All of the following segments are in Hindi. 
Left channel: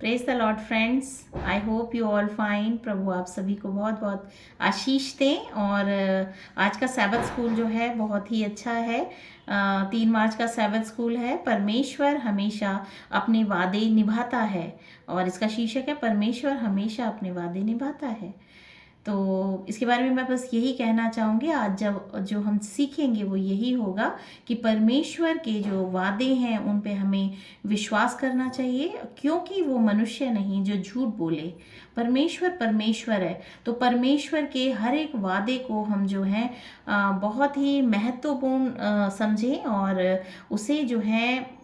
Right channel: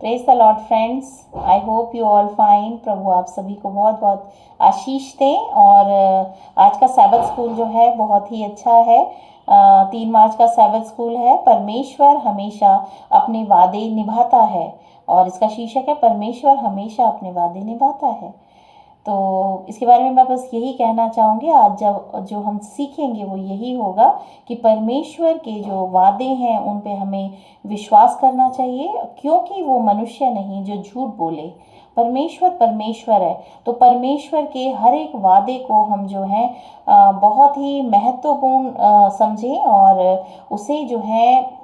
Praise the lord friends, I hope you all fine. प्रभु आप सभी को बहुत बहुत आशीष दें। और आज का सैबथ स्कूल जो है बहुत ही अच्छा है। 3 मार्च का सैबथ स्कूल है, परमेश्वर हमेशा अपने वादे निभाता है। और इसका शीर्षक है परमेश्वर हमेशा अपने वादे निभाता है। तो इसके बारे में मैं बस यही कहना चाहूँगी। आज जब जो हम सीखेंगे वो यही होगा कि परमेश्वर के जो वादे हैं उन पे हमें विश्वास करना चाहिए, क्योंकि वो मनुष्य नहीं जो झूठ बोले। परमेश्वर परमेश्वर है, तो परमेश्वर के हर एक वादे को हम जो है बहुत ही महत्वपूर्ण समझें और उसे जो है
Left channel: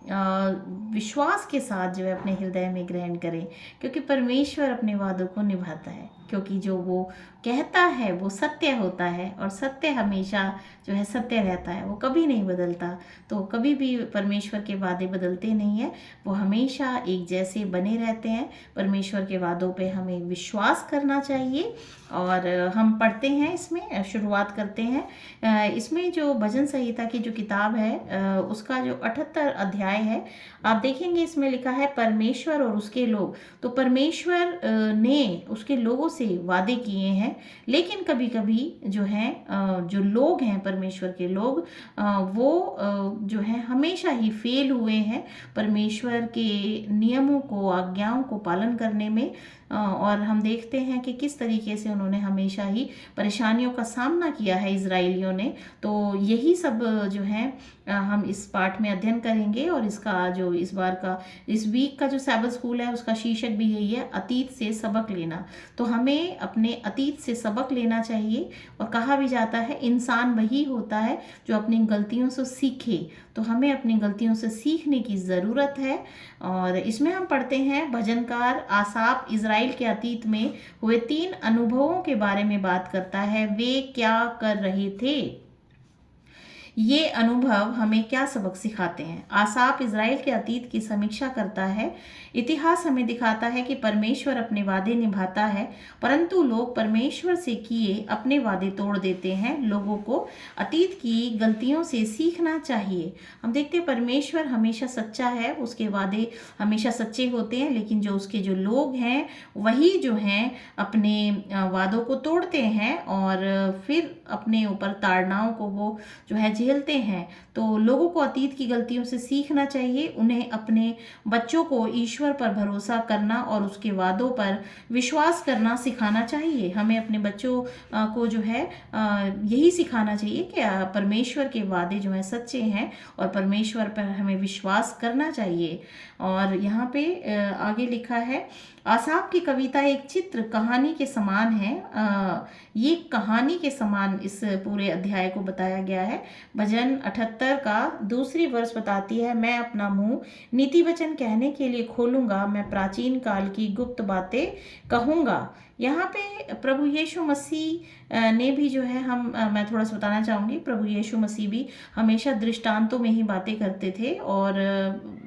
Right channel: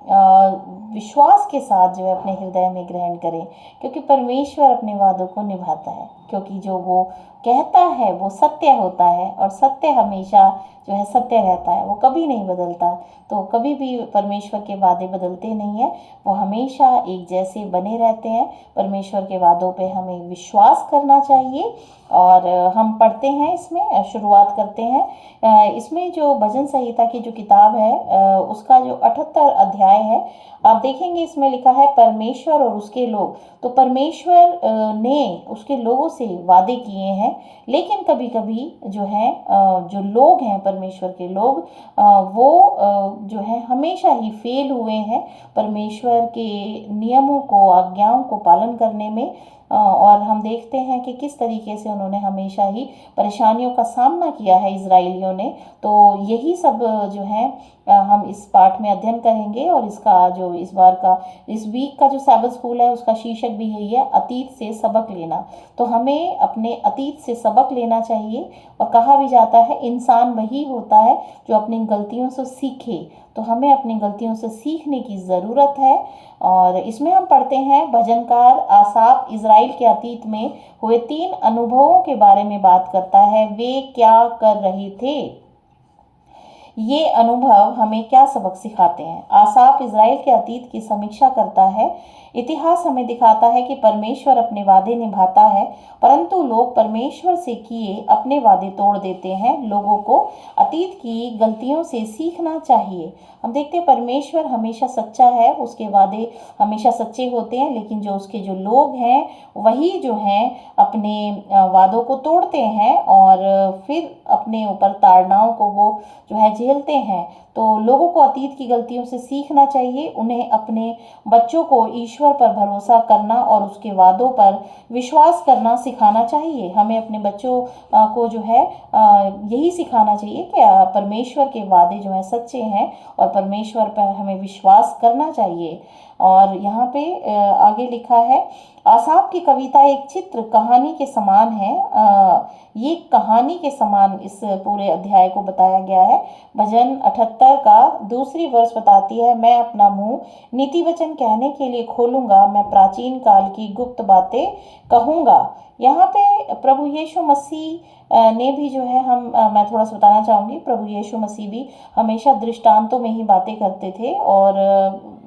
विश्वास के साथ जो है अपने हृदय में ग्रहण करें, क्योंकि परमेश्वर अपने वादों को निभाता है। क्योंकि जो वो कहता है वो सत्य होता है, और सत्य हमेशा जो है सत्य रहता है, वो कभी नहीं बदलता। तो कभी भी परमेश्वर के वादे बदलते नहीं हैं, वो हमेशा एक जैसे बने रहते हैं। परमेश्वर के वादों पे हमें विश्वास करना चाहिए। और हम पढ़ते हैं, इसमें शुरुआत करते हैं। इसमें जो भजन संहिता की जो किताब है उसका जो 78 अध्याय है, आप देखेंगे इसमें लिखा है परमेश्वर और उसके लोग। तो परमेश्वर ने उसके लोगों से वादे किए हैं, लेकिन कभी कभी जो है जो लोग हैं परमेश्वर के लोग, वो जो है हमेशा ही फेल हुए हैं परमेश्वर के नियमों को, आज्ञाओं को पालन करने में। और हम देखते हैं कि किस तरीके से उन्होंने हमेशा ही परेशानियों का सामना किया है इजराइलियों ने। तो यही सब जो है हम इस पाठ में अध्ययन करेंगे। और इसका जो इस बार का, इस वीक का जो सैबथ स्कूल है उसका शीर्षक भी यही है, अतीत से सबक लेना। तो हमें अपने अतीत से सबक लेना चाहिए। और कहा भी जाता है इंसान वही होता है जो अपनी गलतियों से सीखे। तो हमें अपनी गलतियों से सीखने की ज़रूरत है। और इसमें हम पढ़ते हैं भजनकार आसाफ इज़राइल के अतीत में हुए 3 अनुभवों के बारे में बात करता है। वे क्या कर रहे थे, ये अनुभव हमें क्या सबक सिखाते हैं। आसाफ इज़राइल के अतीत की समीक्षा करता है। इतिहास हमें दिखाता है कि परमेश्वर अपने वादे निभाता है, परंतु लोग परमेश्वर से किए अपने वादे तोड़ देते हैं। लोगों को अतीत की गलतियों से सीखना चाहिए। हम देखते हैं परमेश्वर हमेशा सच्चा है, उसके वादे हमेशा सच्चे होते हैं, लेकिन जो उसके जो लोग हैं वही जो हैं अपने वादों को तोड़ते हैं और फिर अपने ऊपर ताड़नाओं को वो जो है झेलते हैं। तो लोगों को अतीत की गलतियों से सीखना चाहिए। उन्हें अपने बच्चों को ईश्वर पर भरोसा करना और उसके वादों पर विश्वास करना सिखाना चाहिए। हमें अपने बच्चों को जो है यही सिखाना चाहिए कि परमेश्वर के वादे जो हैं सच्चे हैं और परमेश्वर पर हमें विश्वास करना चाहिए। और यहाँ पे आगे लिखा है, आसाफ की कविता एक चित्र कहानी के समान है। ये कहानी के समान इस पूरे अध्याय को बताया गया है। भजन 78 का दूसरी वर्ष बताती है, मैं अपना मुंह नीति वचन कहने के लिए खोलूंगा, मैं प्राचीन काल की गुप्त बातें कहूंगा। यहाँ पे प्रभु यीशु मसीह ने भी जो है मैं थोड़ा सा बताना चाहूँगी। प्रभु यीशु मसीह भी हमेशा दृष्टांतों में ही बातें करते थे, और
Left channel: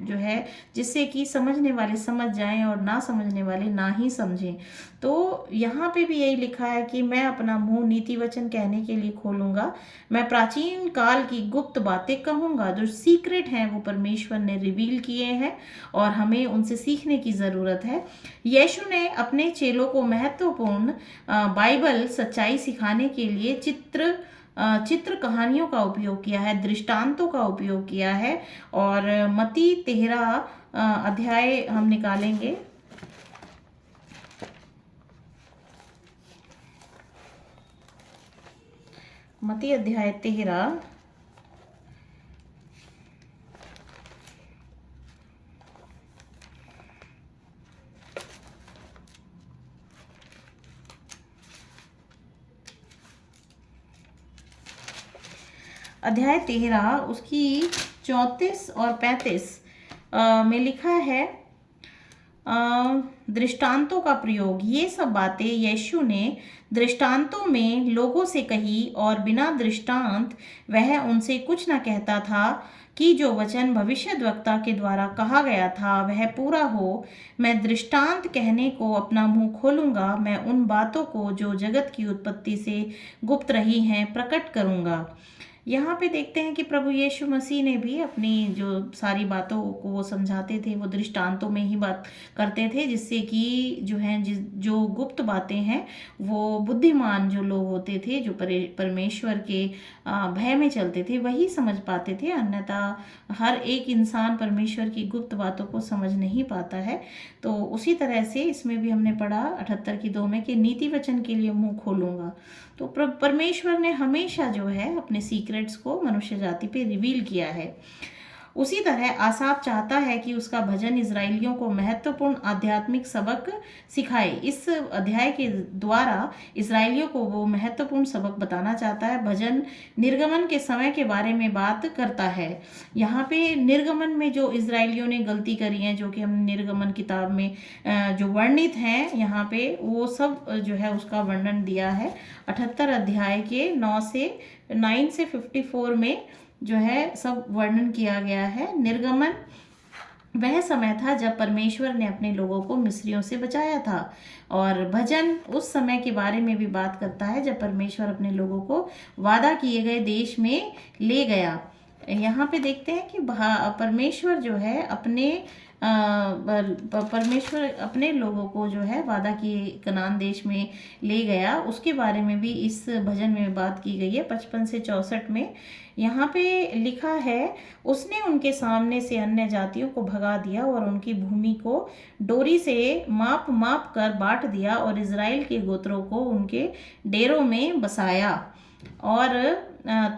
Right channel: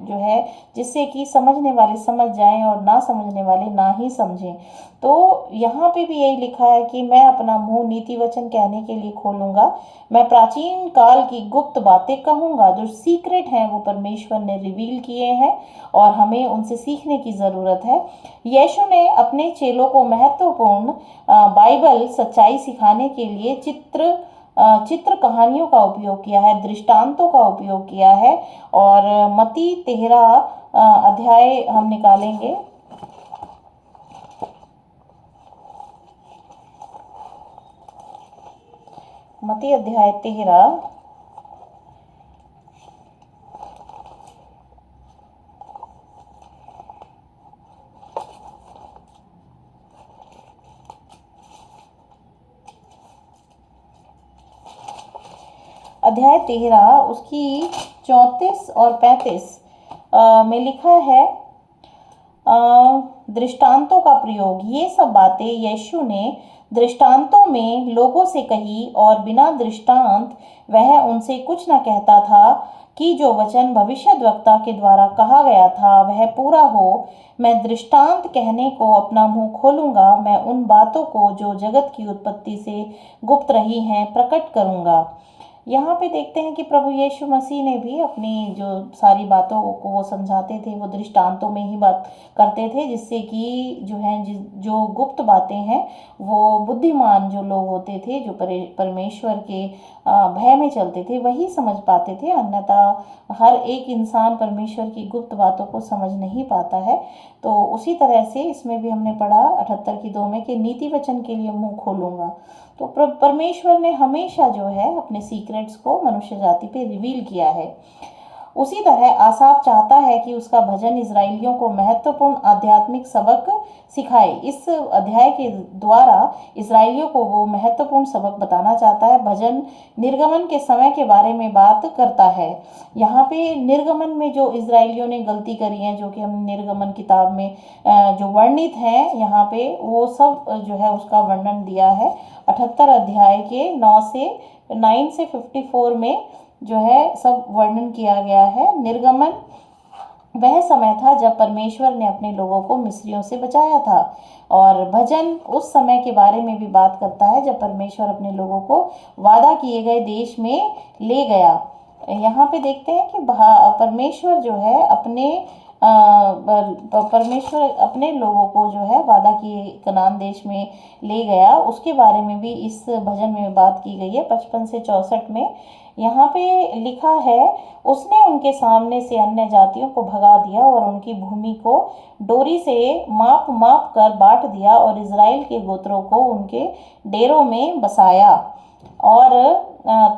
जो है जिससे कि समझने वाले समझ जाएं और ना समझने वाले ना ही समझें। तो यहाँ पे भी यही लिखा है कि मैं अपना मुंह नीति वचन कहने के लिए खोलूंगा, मैं प्राचीन काल की गुप्त बातें कहूंगा। जो सीक्रेट हैं वो परमेश्वर ने रिवील किए हैं और हमें उनसे सीखने की ज़रूरत है। यीशु ने अपने चेलों को महत्वपूर्ण बाइबल सच्चाई सिखाने के लिए चित्र कहानियों का उपयोग किया है, दृष्टांतों का उपयोग किया है। और मत्ती 13 अध्याय हम निकालेंगे। मत्ती अध्याय 13 अध्याय 13 उसकी 34 और 35 में लिखा है, दृष्टांतों का प्रयोग। ये सब बातें यीशु ने दृष्टांतों में लोगों से कही, और बिना दृष्टांत वह उनसे कुछ न कहता था कि जो वचन भविष्यद्वक्ता के द्वारा कहा गया था वह पूरा हो। मैं दृष्टांत कहने को अपना मुंह खोलूंगा, मैं उन बातों को जो जगत की उत्पत्ति से गुप्त रही हैं प्रकट करूंगा। यहाँ पे देखते हैं कि प्रभु यीशु मसीह ने भी अपनी जो सारी बातों को वो समझाते थे, वो दृष्टांतों में ही बात करते थे, जिससे कि जो है जो गुप्त बातें हैं वो बुद्धिमान जो लोग होते थे, जो परमेश्वर के भय में चलते थे, वही समझ पाते थे। अन्यथा हर एक इंसान परमेश्वर की गुप्त बातों को समझ नहीं पाता है। तो उसी तरह से इसमें भी हमने पढ़ा 78 की 2 में कि नीति वचन के लिए मुंह खोलूंगा। तो परमेश्वर ने हमेशा जो है अपने सीक्रेट्स को मनुष्य जाति पे रिवील किया है। उसी तरह आसाफ चाहता है कि उसका भजन इजरायलियों को महत्वपूर्ण आध्यात्मिक सबक सिखाए। इस अध्याय के द्वारा इजरायलियों को वो महत्वपूर्ण सबक बताना चाहता है। भजन निर्गमन के समय के बारे में बात करता है। यहाँ पे निर्गमन में जो इजरायलियों ने गलती करी है, जो कि हम निर्गमन किताब में जो वर्णित हैं यहाँ पे, वो सब जो है उसका वर्णन दिया है 78 अध्याय के 9 से 54 में जो है सब वर्णन किया गया है। निर्गमन वह समय था जब परमेश्वर ने अपने लोगों को मिस्रियों से बचाया था, और भजन उस समय के बारे में भी बात करता है जब परमेश्वर अपने लोगों को वादा किए गए देश में ले गया। यहाँ पे देखते हैं कि परमेश्वर जो है परमेश्वर अपने लोगों को जो है वादा किए कनान देश में ले गया, उसके बारे में भी इस भजन में बात की गई है 55 से 64 में। यहाँ पे लिखा है, उसने उनके सामने से अन्य जातियों को भगा दिया और उनकी भूमि को डोरी से माप माप कर बांट दिया और इज़राइल के गोत्रों को उनके डेरों में बसाया। और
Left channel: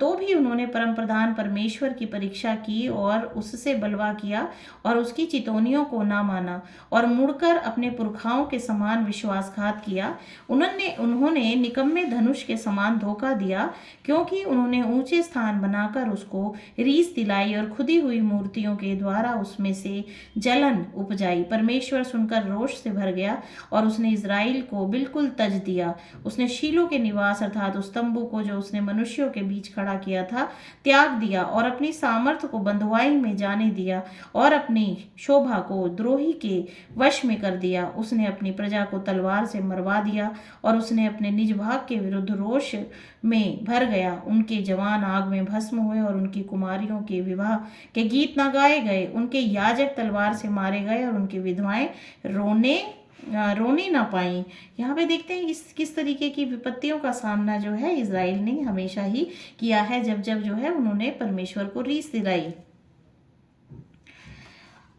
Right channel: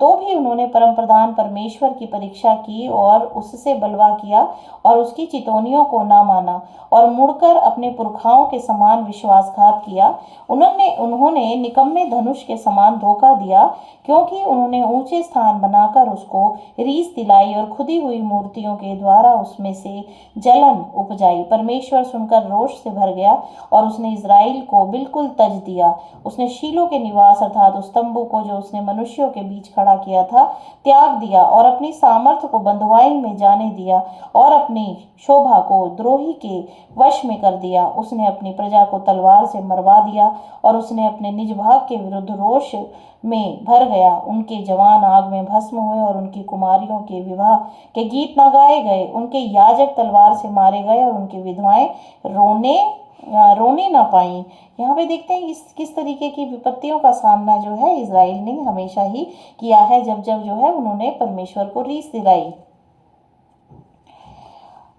तो भी उन्होंने परम प्रधान परमेश्वर की परीक्षा की और उससे बलवा किया और उसकी चितौनियों को ना माना और मुड़कर अपने पुरखाओं के समान विश्वासघात किया। उन्होंने निकम्मे धनुष के समान धोखा दिया, क्योंकि उन्होंने ऊंचे स्थान बनाकर उसको रीस दिलाई और खुदी हुई मूर्तियों के द्वारा उसमें से जलन उपजाई। परमेश्वर सुनकर रोष से भर गया और उसने इज़राइल को बिल्कुल तज दिया। उसने शीलो के निवास अर्थात उस तंबू को जो उसने मनुष्यों के बीच खड़ा किया था त्याग दिया और अपनी सामर्थ्य को बंधुआई में जाने दिया और अपनी शोभा को द्रोही के वश में कर दिया। उसने अपनी प्रजा को तलवार से मरवा दिया और उसने अपने निज भाग के विरुद्ध रोष में भर गया। उनके जवान आग में भस्म हुए और उनकी कुमारियों के विवाह के गीत न गाए गए। उनके याजक तलवार से मारे गए और उनकी विधवाएं रोने ना पाई। यहाँ पे देखते हैं किस तरीके की विपत्तियों का सामना जो है इज़राइल ने हमेशा ही किया है, जब जब जो है उन्होंने परमेश्वर को रीस दिलाई।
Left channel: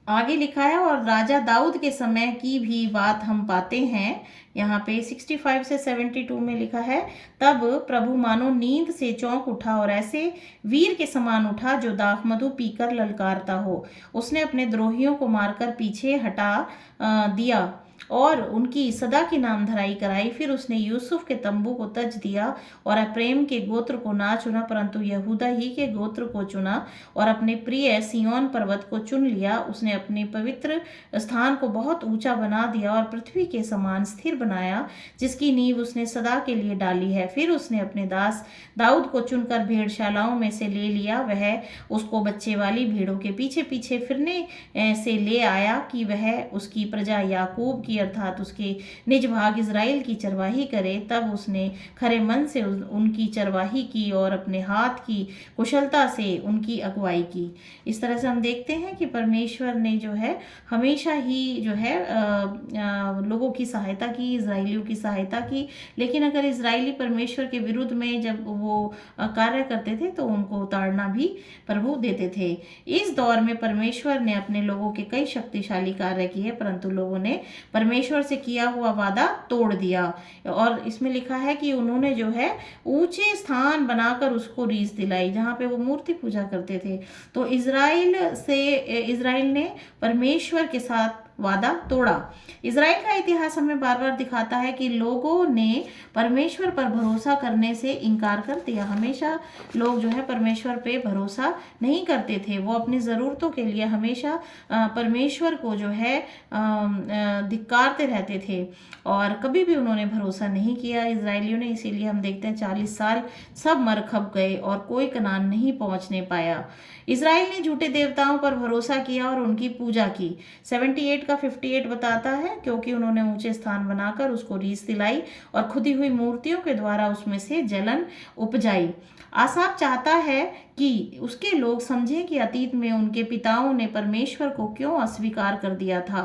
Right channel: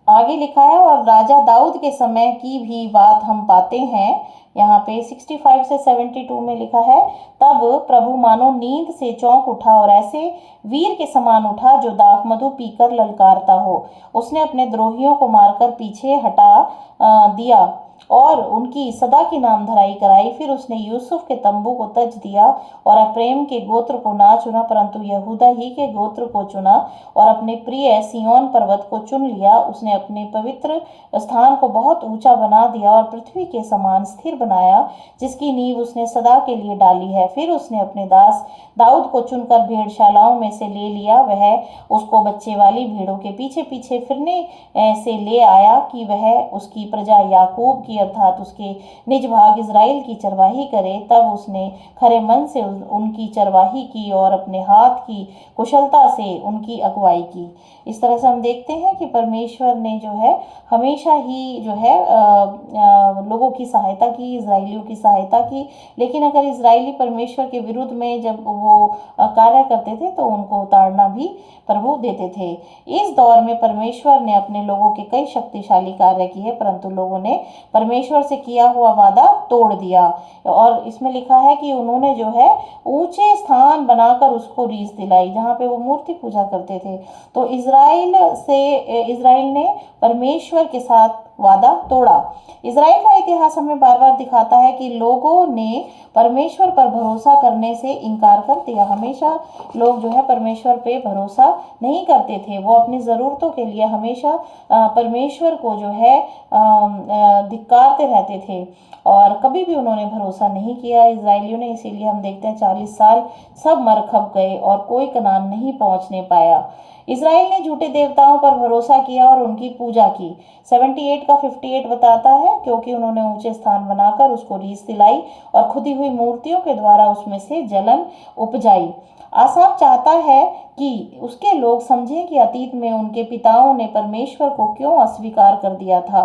आगे लिखा है, और राजा दाऊद के समय की भी बात हम पाते हैं। यहाँ पे 65 से 72 में लिखा है, तब प्रभु मानो नींद से चौंक उठा और ऐसे वीर के समान उठा जो दाखमधु पीकर ललकारता हो। उसने अपने द्रोहियों को मारकर पीछे हटा दिया और उनकी सदा की नाम धराई कराई। फिर उसने यूसुफ के तंबू को तज दिया और अप्रेम के गोत्र को ना चुना, परंतु यहूदा ही के गोत्र को चुना और अपने प्रिय सिय्योन पर्वत को चुन लिया। उसने अपने पवित्र स्थान को बहुत ऊंचा बना दिया और पृथ्वी के समान स्थिर बनाया, जिसकी नींव उसने सदा के लिए डाली है। फिर उसने अपने दास दाऊद को चुनकर भेड़शालाओं में से ले लिया। वह उसको बच्चे वाली भेड़ों के पीछे पीछे फिरने से ले आया कि वह उसकी प्रजा याकूब की अर्थात उसके निज भाग इज़राइल की चरवाही करे। तब उसने खरे मन से उनकी चरवाही की और अपने हाथ की कुशलता से उनकी अगुवाई की। इस तरह से हम देखते हैं कि परमेश्वर ने जो है हमेशा ही जो है लोगों की सहायता की, इज़राइलियों की सहायता की। लेकिन अगर इज़राइली परमेश्वर के विरुद्ध में जब वो कार्य करते थे तो उनको उतारना भी प्रभु देते थे। इस दौर में परमेश्वर ने अपने लोगों के कई शक्तिशाली कार्य किए, परंतु लोगों ने परमेश्वर से किया हुआ वादा तोड़ दिया। और इसमें लिखा है कि उन्होंने जो है ऊंचे स्थान बनाकर उसको रीस दिलाई, जहाँ पे वो मूर्ति पूजा करते थे। तो इज़राइल ने परमेश्वर के साथ वादा तोड़ा। इज़राइल का इतिहास हमें बार बार दिखाता है कि लोगों ने परमेश्वर पर भरोसा करने से इनकार कर दिया। हमेशा लोग जो है परमेश्वर पे भरोसा नहीं करते थे। वो अपनी ज़रूरतों के लिए हमेशा परमेश्वर को जो है धिक्कारते रहते थे और कभी भी उन्होंने भरोसा नहीं किया इजरायलियों ने। इसीलिए हम देखते हैं 40 साल सब मर खप गए और कोई कनान नहीं पहुंचने पाया। इजराइल ने झूठे देवताओं पर भरोसा किया और उनकी पूजा की। 78 का 58 बताता है, क्योंकि उन्होंने ऊंचे स्थान बनाकर उसको रीस दिलाई और खुदी हुई मूर्तियों के द्वारा उसमें से जलन उपजाई। आसाप चाहता है कि उसके लोग समझें कि अतीत में उनके पिताओं ने परमेश्वर को क्यों अस्वीकार कर दिया था।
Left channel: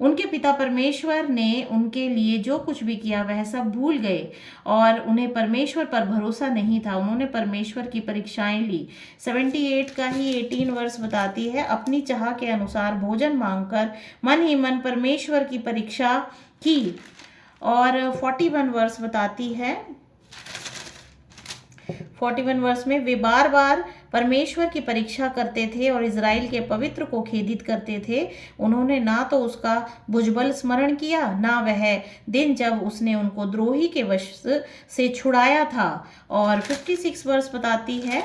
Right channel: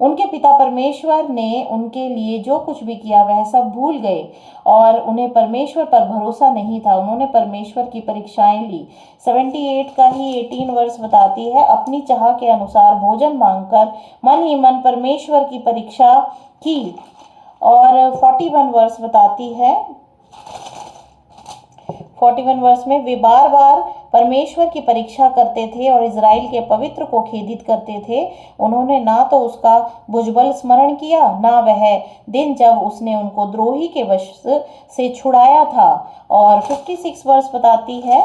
उनके पिता परमेश्वर ने उनके लिए जो कुछ भी किया वह सब भूल गए और उन्हें परमेश्वर पर भरोसा नहीं था। उन्होंने परमेश्वर की परीक्षाएं ली। 78 का ही 18 वर्ष बताती है, अपनी चाह के अनुसार भोजन मांगकर मन ही मन परमेश्वर की परीक्षा की। और 41 वर्ष बताती है, 41 वर्ष में वे बार बार परमेश्वर की परीक्षा करते थे और इजराइल के पवित्र को खेदित करते थे। उन्होंने ना तो उसका भुजबल स्मरण किया, ना वह दिन जब उसने उनको द्रोही के वश से छुड़ाया था। और 56 वर्ष बताती है,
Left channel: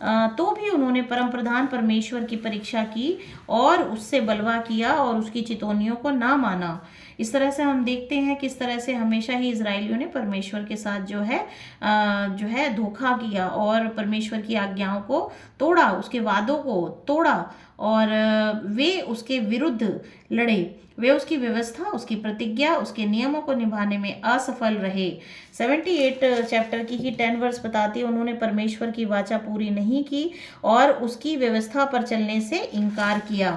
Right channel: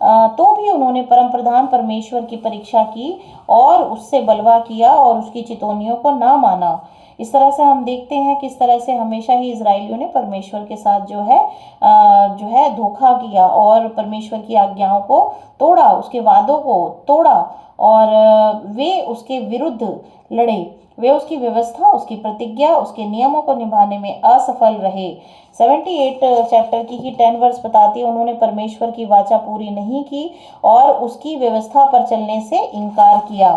तो भी उन्होंने परम प्रधान परमेश्वर की परीक्षा की और उससे बलवा किया और उसकी चितौनियों को ना माना। इस तरह से हम देखते हैं किस तरह से हमेशा ही इजराइलियों ने परमेश्वर के साथ जो है धोखा किया और परमेश्वर की आज्ञाओं को तोड़ा, उसके वादों को तोड़ा और वे उसके विरुद्ध लड़े। वे उसकी व्यवस्था, उसकी प्रतिज्ञा, उसके नियमों को निभाने में असफल रहे। 78 चैप्टर की ही 10 वर्ष बताती है, उन्होंने परमेश्वर की वाचा पूरी नहीं की और उसकी व्यवस्था पर चलने से इनकार किया।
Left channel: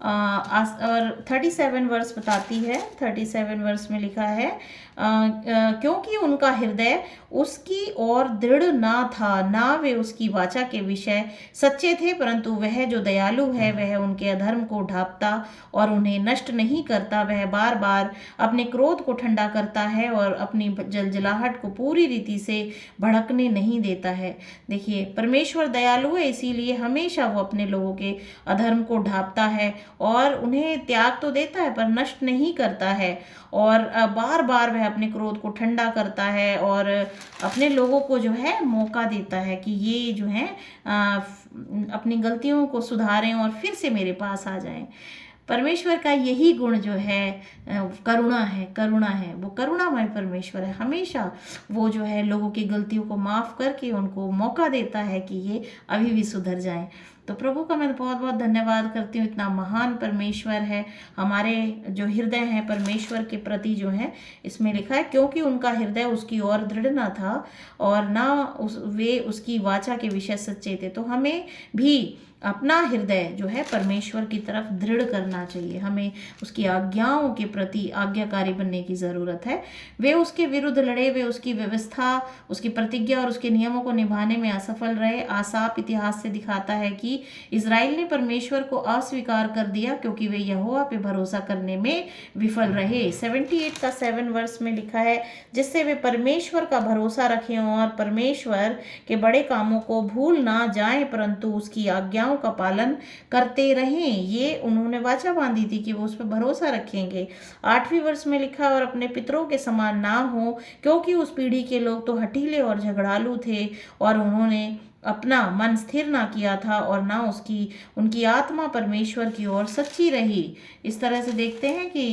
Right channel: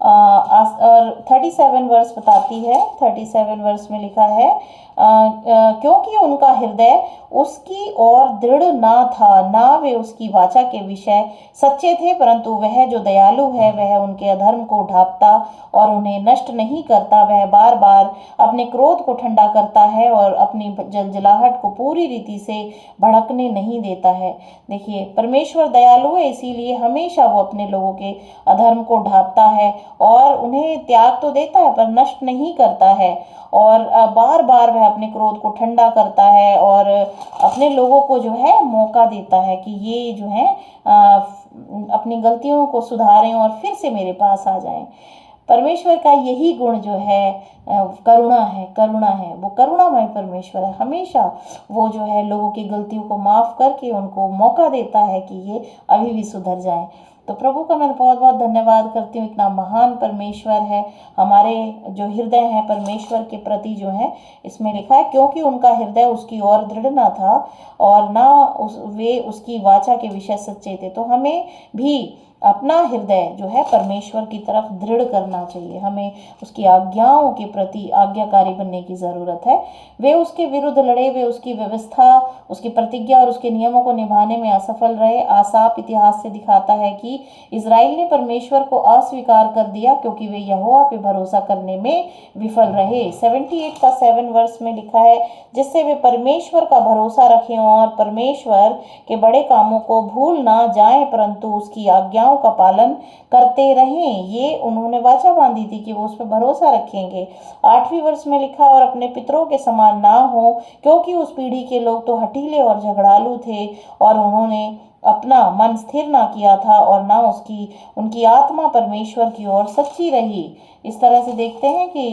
और 37 वर्ष बताती है, 37 वर्ष में लिखा है, क्योंकि उनका हृदय उसकी ओर दृढ़ ना था, ना वे उसकी वाचा के विषय सच्चे थे, परंतु वह जो दयालु है वह उनके अधर्म को ढांपता और उन्हें नष्ट नहीं करता। वह बार बार अपने क्रोध को ठंडा करता है और अपनी जलजलाहट को पूरी रीति से भड़कने नहीं देता है। देखिए, परमेश्वर दयालु है, इसीलिए हमेशा वो अपने लोगों के अधर्म को ढांपता है और उन्हें त्याग तो देता है पर नष्ट नहीं करता है। और बार बार वह अपने क्रोध को ठंडा करता है और अपने लोगों को जो है मौका देता है कि ये जो है अपनी गलतियों को सुधारें और फिर से मेरे पास आ जाएं। परमेश्वर का यही गुण जो है करुणा है, करुणा है। वो करुणामय परमेश्वर है। हमेशा वो जो है लोगों की गलतियों को माफ़ करके उनको मौका देता है कि ये अभी भी सुधर जाएं। तो प्रभु का मैं बहुत बहुत धन्यवाद करती हूँ। इतना महान परमेश्वर है। हमारे जो हृदय है परमेश्वर के प्रति जो है, इसमें लिखा है, क्योंकि उनका हृदय उसकी ओर दृढ़ ना था और ना वे उसकी वाचा के विषय सच्चे थे। तो हमें भी अपना हृदय जो है परमेश्वर की तरफ दृढ़ करना चाहिए। हमें उसकी आज्ञाओं के प्रति आज्ञाकारी बनने की ज़रूरत है। वे उसके विरुद्ध लड़े, वे उसकी व्यवस्था, उसकी प्रतिज्ञा और उसके नियमों को निभाने में असफल रहे। आसाप इतिहास से दिखाता है कि इजराइल ने परमेश्वर को अस्वीकार कर दिया क्योंकि वे यहोवा पे भरोसा करने में विफल रहे। 78 का 7 वर्ष में लिखा है, जिससे वे परमेश्वर का भरोसा रखें और परमेश्वर के बड़े कामों को भूल ना जाएं, परंतु उसकी आज्ञा का पालन करते रहें। ये उन्होंने वाचा बांधी थी कि वो उस पर भरोसा रखेंगे। 8वीं वर्ष में लिखा, और अपने पितरों के समान ना हो, क्योंकि उस पीढ़ी के लोग तो हठीले और झगड़ालू थे और उन्होंने अपना मन स्थिर ना किया था और ना उनकी आत्मा परमेश्वर की ओर सच्ची रही। इस तरह से देखते हैं कि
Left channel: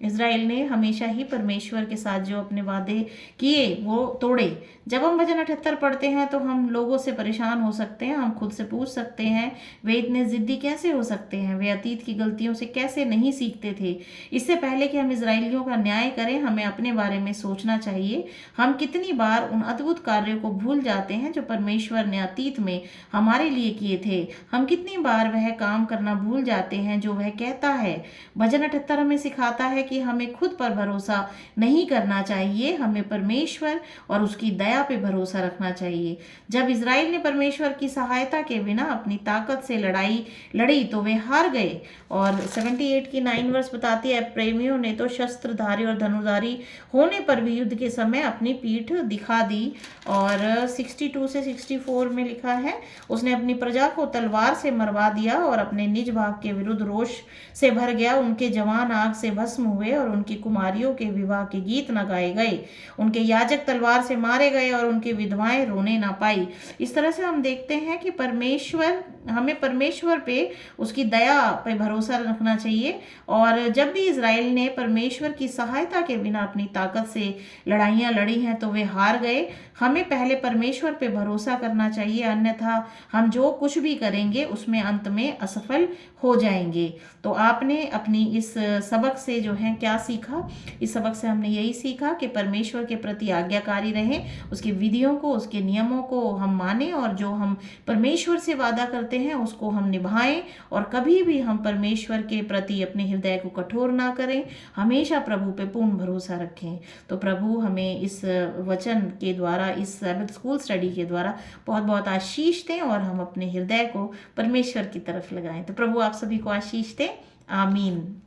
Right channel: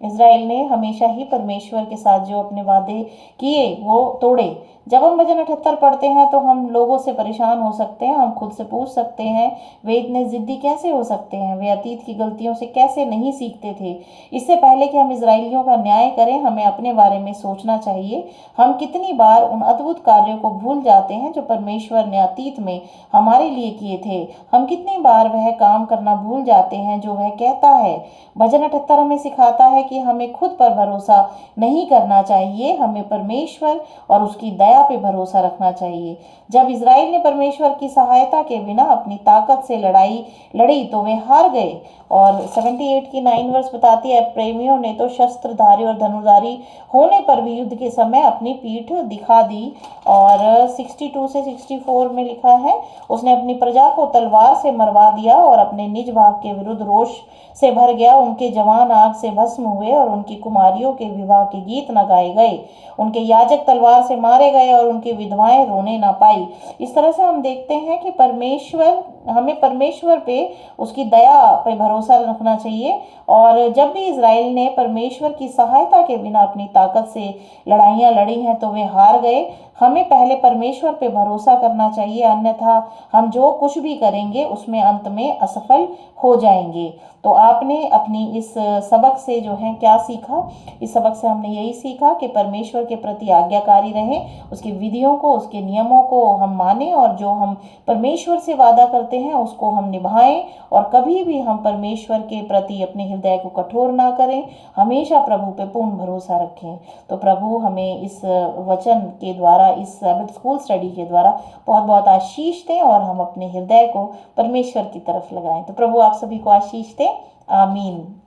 इजराइल ने हमेशा ही परमेश्वर के साथ जो अपने वादे किए वो तोड़े। जब हम भजन 78 पढ़ते हैं तो हम लोगों से परेशान हो सकते हैं। हम खुद से पूछ सकते हैं, वे इतने जिद्दी कैसे हो सकते हैं? वे अतीत की गलतियों से कैसे नहीं सीखते थे? इससे पहले कि हम इजराइलियों का न्याय करें, हमें अपने बारे में सोचना चाहिए। हम कितनी बार उन अद्भुत कार्यों को भूल जाते हैं जो परमेश्वर ने अतीत में हमारे लिए किए थे। हम कितनी बार वह काम करना भूल जाते हैं जो वह कहता है। भजन 78 हमें सिखाता है कि हमें खुद पर भरोसा नहीं करना चाहिए, हमें परमेश्वर और उसकी दया पे भरोसा रखना चाहिए। जब इजराइल ने परमेश्वर की सहायता के बिना अपनी ताकत से लड़ी तो वे हार गए। और 78 की 9 वर्ष बताती है, प्रेमियों ने तो शस्त्रधारी और धनुर्धारी होने पर भी युद्ध के समय अपनी पीठ दिखा दी। और 62 से 64 में लिखा है, उसने अपनी प्रजा को तलवार से मरवा दिया और अपने निज भाग के विरुद्ध रोष से भर गया। उनके जवान आग से भस्म हुए और उनकी कुमारियों के विवाह के गीत न गाए गए। उनके याजक तलवार से मारे गए और उनकी विधवाएं रोने ना पाई। इस तरह से हम देखते हैं कि परमेश्वर हमें परमेश्वर पे, उसकी दया पे भरोसा रखना चाहिए। और जब भी इज़राइल ने परमेश्वर की सहायता के बिना अपनी ताकत से लड़ाइयाँ लड़ी हैं तो वे हार गए। हमें पहले परमेश्वर पे भरोसा करना चाहिए, अन्यथा हम जो कुछ भी करेंगे उसमें अंत में असफल हो जाएंगे। तो आपने अपनी इस सबक से जो है क्या सीखा? इस सबक से हमने यही सीखा कि परमेश्वर के प्रति आज्ञाकारी रहें, उसकी विधियों को, उसके नियमों को हम मानें, और जो हम परमेश्वर से वादा करते हैं उसको हम निभाएं। और कभी भी हम परमेश्वर के प्रति अपने हृदय को कठोर ना करें, हमेशा प्रभु पे पूर्ण भरोसा रखें। तो प्रभु हमें इस वचन के द्वारा, इस सैबथ स्कूल स्टडी के द्वारा बहुत बहुत आशीष दें और हम अपने हृदय को परमेश्वर की तरफ लगाएं। तो प्रभु आप सभी को आशीष दें। आमीन।